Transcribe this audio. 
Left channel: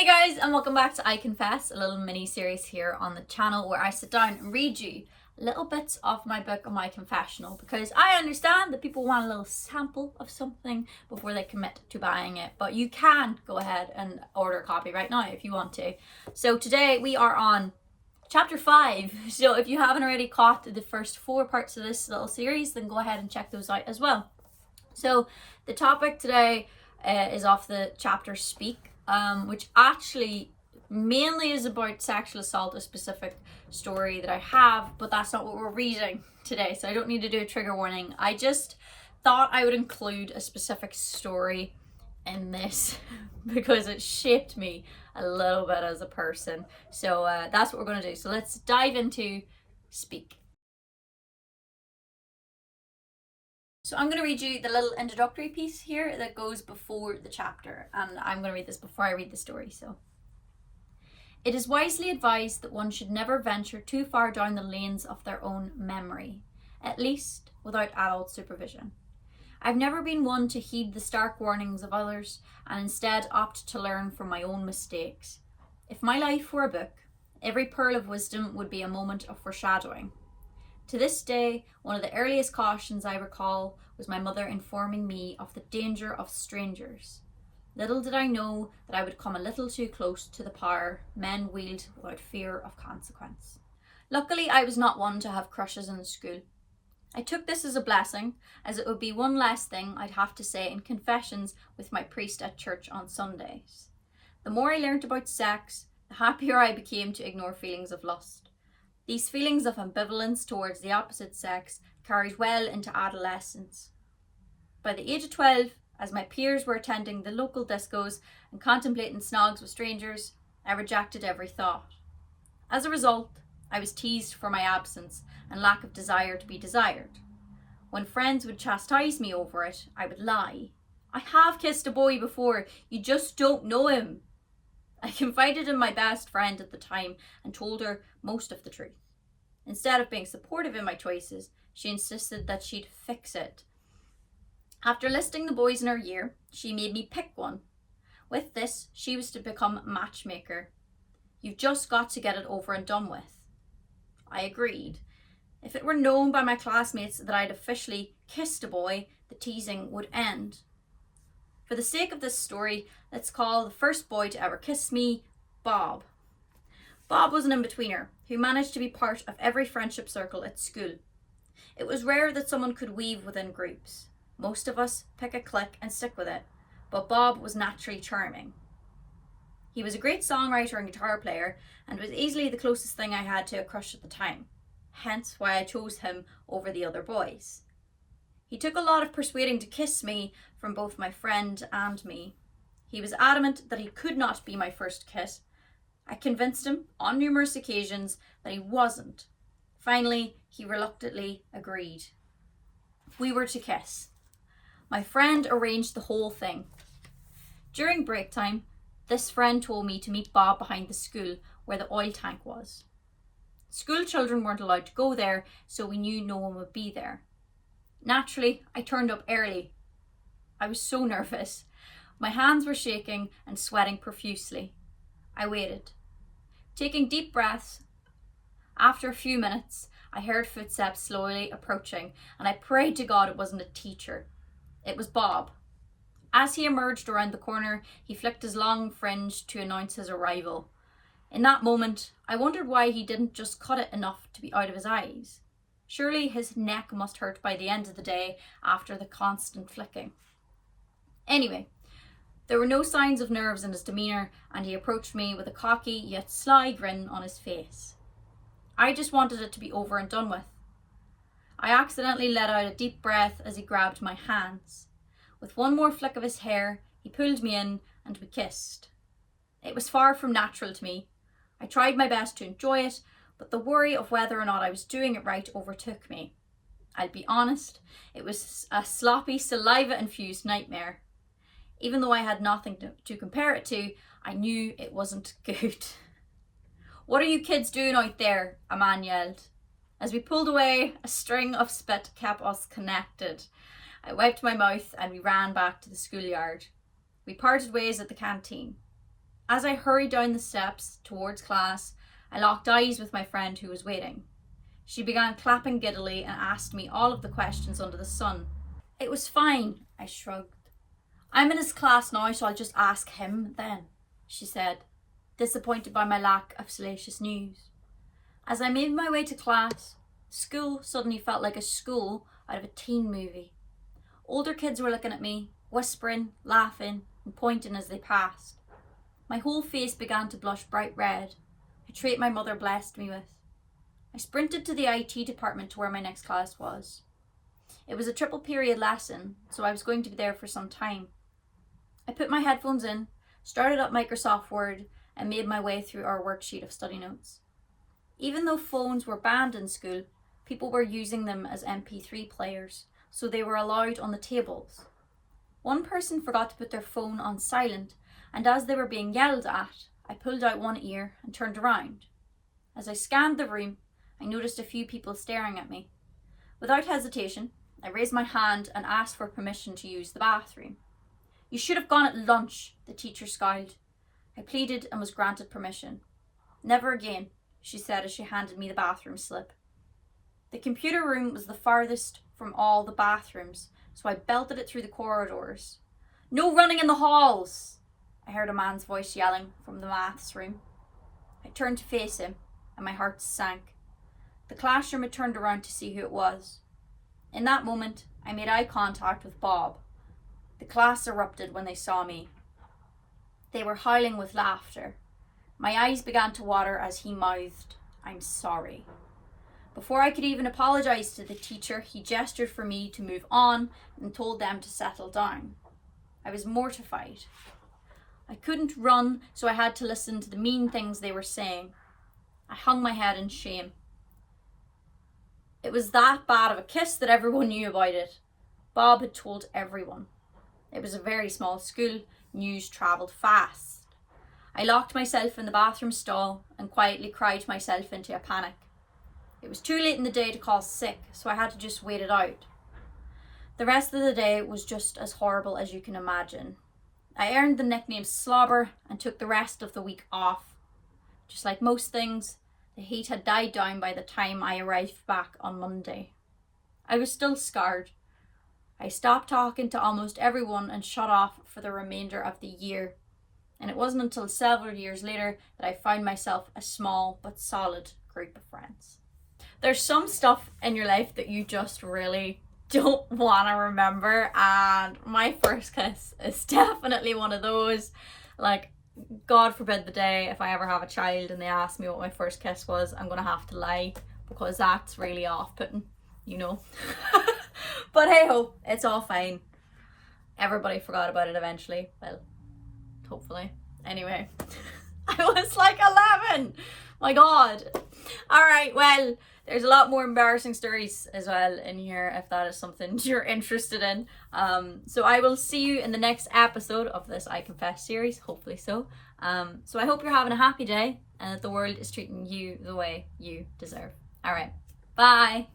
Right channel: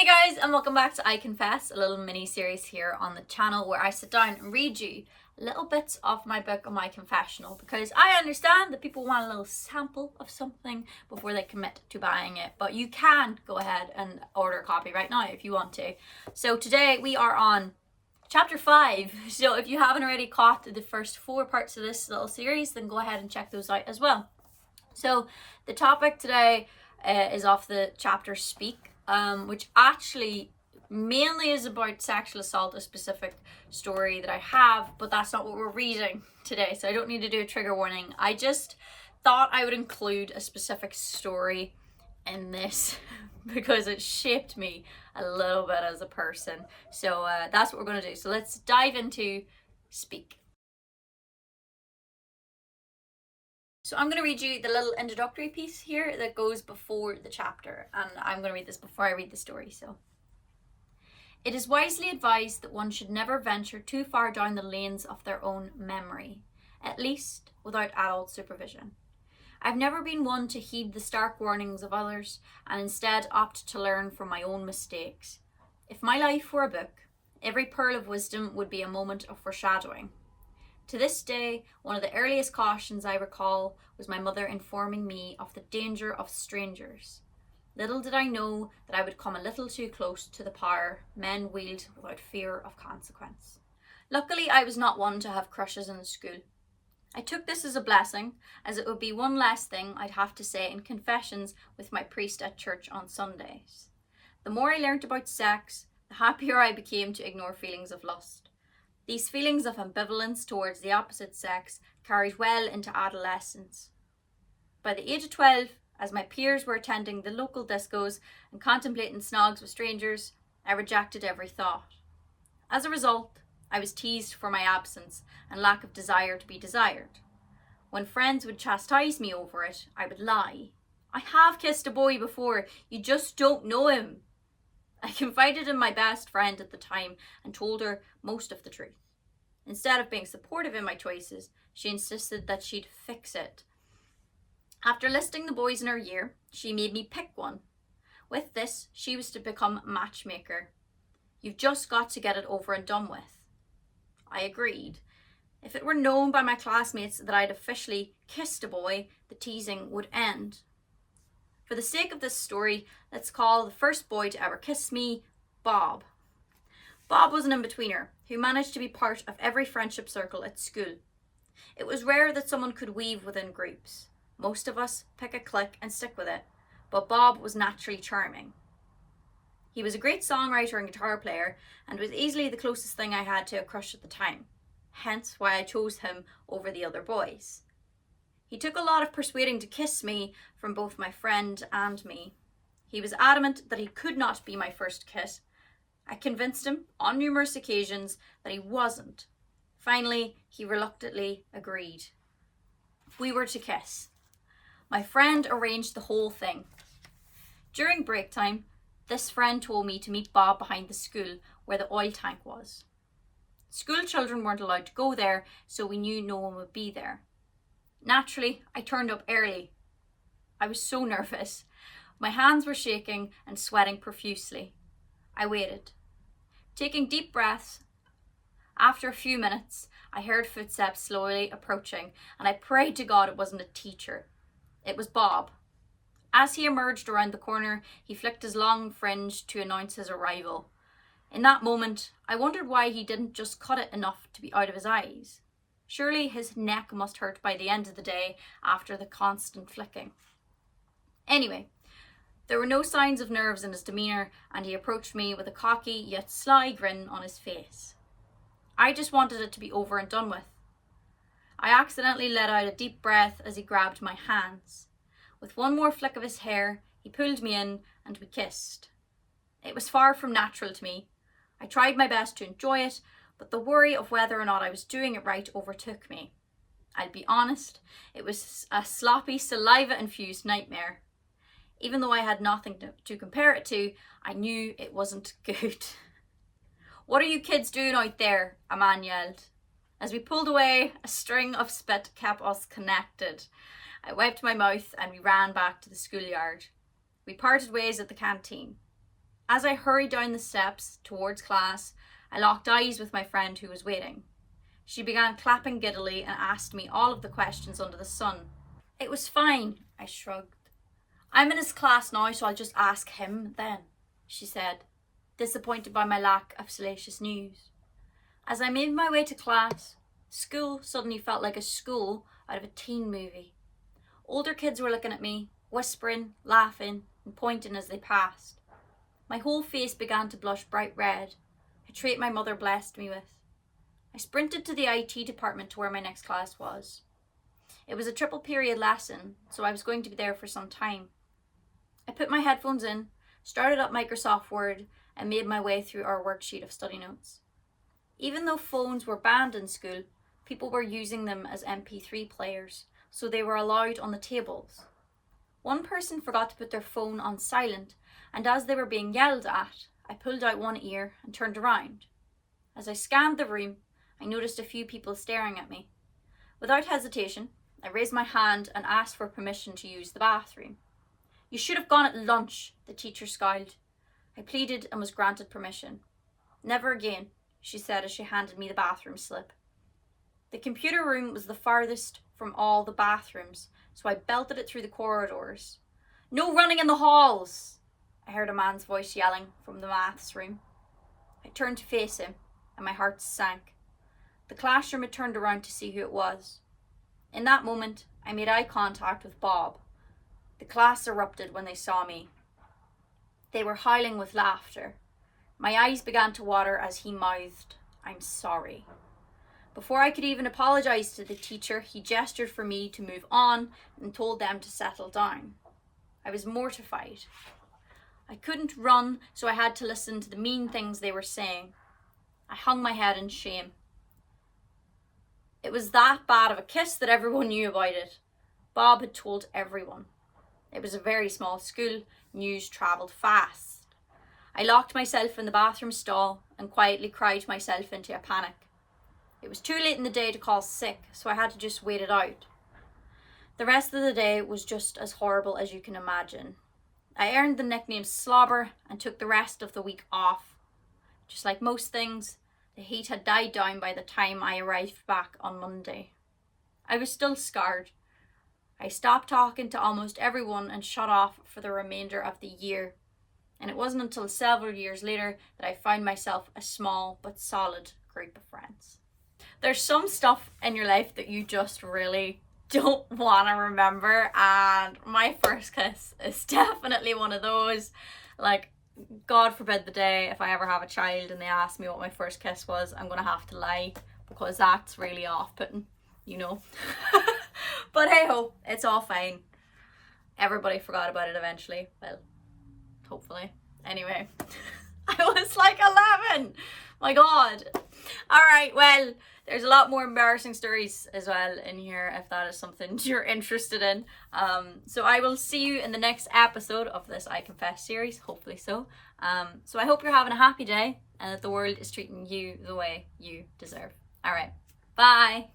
Hey guys, and welcome back to I Confess, a little mini series here on the channel where I sit down and read you little bits of my book and my confessional, because I understand that people want a little sample of something before they commit to buying it, but you can go ahead and order a copy right now if you want to. So today we are on chapter 5, so if you haven't already caught the first 4 parts of this little series, then go ahead and check those out as well. So the topic today is off the chapter Speak, which actually mainly is about sexual assault, a specific story that I have, but that's not what we're reading today, so I don't need to do a trigger warning. I just thought I would include a specific story in this because it shaped me a little bit as a person. So that's what we're going to do. So let's dive into Speak. So I'm going to read you the little introductory piece here that goes before the chapter, and I'm going to read this before I read the story. So, it is wisely advised that one should never venture too far down the lanes of their own memory, at least without adult supervision. I've never been one to heed the stark warnings of others, and instead opt to learn from my own mistakes. If my life were a book, every pearl of wisdom would be a moment of foreshadowing. To this day, one of the earliest cautions I recall was my mother informing me of the danger of strangers. Little did I know that I would come a little too close to the power men wield without fear of consequence. Luckily, I was not one to have crushes in the school. I took this as a blessing, as it would be one less thing I'd have to say in confessions with my priest at church on Sundays. The more I learnt about sex, the happier I became to ignore feelings of lust. These feelings of ambivalence towards the opposite sex carried well into adolescence. By the age of 12, as my peers were attending the local discos and contemplating snogs with strangers, I rejected every thought. As a result, I was teased for my absence and lack of desire to be desired. When friends would chastise me over it, I would lie. I have kissed a boy before, you just don't know him. I confided in my best friend at the time and told her most of the truth. Instead of being supportive in my choices, she insisted that she'd fix it. After listing the boys in her year, she made me pick one. With this, she was to become matchmaker. You've just got to get it over and done with. I agreed. If it were known by my classmates that I'd officially kissed a boy, the teasing would end. For the sake of this story, let's call the first boy to ever kiss me Bob. Bob was an in-betweener who managed to be part of every friendship circle at school. It was rare that someone could weave within groups. Most of us pick a clique and stick with it, but Bob was naturally charming. He was a great songwriter and guitar player, and was easily the closest thing I had to a crush at the time, hence why I chose him over the other boys. He took a lot of persuading to kiss me from both my friend and me. He was adamant that he could not be my first kiss. I convinced him on numerous occasions that he wasn't. Finally, he reluctantly agreed. We were to kiss. My friend arranged the whole thing. During break time, this friend told me to meet Bob behind the school where the oil tank was. School children weren't allowed to go there, so we knew no one would be there. Naturally, I turned up early. I was so nervous. My hands were shaking and sweating profusely. I waited, taking deep breaths. After a few minutes, I heard footsteps slowly approaching, and I prayed to God it wasn't a teacher. It was Bob. As he emerged around the corner, he flicked his long fringe to announce his arrival. In that moment, I wondered why he didn't just cut it enough to be out of his eyes. Surely his neck must hurt by the end of the day after the constant flicking. Anyway, there were no signs of nerves in his demeanour, and he approached me with a cocky yet sly grin on his face. I just wanted it to be over and done with. I accidentally let out a deep breath as he grabbed my hands. With one more flick of his hair, he pulled me in and we kissed. It was far from natural to me. I tried my best to enjoy it, but the worry of whether or not I was doing it right overtook me. I'll be honest, it was a sloppy, saliva-infused nightmare. Even though I had nothing to compare it to, I knew it wasn't good. What are you kids doing out there? A man yelled. As we pulled away, a string of spit kept us connected. I wiped my mouth and we ran back to the schoolyard. We parted ways at the canteen. As I hurried down the steps towards class, I locked eyes with my friend who was waiting. She began clapping giddily and asked me all of the questions under the sun. It was fine, I shrugged. I'm in his class now, so I'll just ask him then, she said, disappointed by my lack of salacious news. As I made my way to class, school suddenly felt like a school out of a teen movie. Older kids were looking at me, whispering, laughing, and pointing as they passed. My whole face began to blush bright red, a trait my mother blessed me with. I sprinted to the IT department to where my next class was. It was a triple period lesson, so I was going to be there for some time. I put my headphones in, started up Microsoft Word, and made my way through our worksheet of study notes. Even though phones were banned in school, people were using them as MP3 players, so they were allowed on the tables. One person forgot to put their phone on silent, and as they were being yelled at, I pulled out one ear and turned around. As I scanned the room, I noticed a few people staring at me. Without hesitation, I raised my hand and asked for permission to use the bathroom. You should have gone at lunch, the teacher scowled. I pleaded and was granted permission. Never again, she said as she handed me the bathroom slip. The computer room was the farthest from all the bathrooms, so I belted it through the corridors. No running in the halls, I heard a man's voice yelling from the maths room. I turned to face him, and my heart sank. The classroom had turned around to see who it was. In that moment, I made eye contact with Bob. The class erupted when they saw me. They were howling with laughter. My eyes began to water as he mouthed, "I'm sorry." Before I could even apologise to the teacher, he gestured for me to move on and told them to settle down. I was mortified. I couldn't run, so I had to listen to the mean things they were saying. I hung my head in shame. It was that bad of a kiss that everyone knew about it. Bob had told everyone. It was a very small school. News travelled fast. I locked myself in the bathroom stall and quietly cried myself into a panic. It was too late in the day to call sick, so I had to just wait it out. The rest of the day was just as horrible as you can imagine. I earned the nickname Slobber and took the rest of the week off. Just like most things, the heat had died down by the time I arrived back on Monday. I was still scarred. I stopped talking to almost everyone and shut off for the remainder of the year. And it wasn't until several years later that I found myself a small but solid group of friends. There's some stuff in your life that you just really don't want to remember, and my first kiss is definitely one of those. Like, God forbid the day if I ever have a child and they ask me what my first kiss was, I'm gonna have to lie, because that's really off-putting, you know. But hey ho, it's all fine. Everybody forgot about it eventually. Well, hopefully. Anyway, I was like 11. My God. All right, well, there's a lot more embarrassing stories as well in here if that is something you're interested in. So I will see you in the next episode of this I Confess series, hopefully so. So I hope you're having a happy day and that the world is treating you the way you deserve. All right, bye.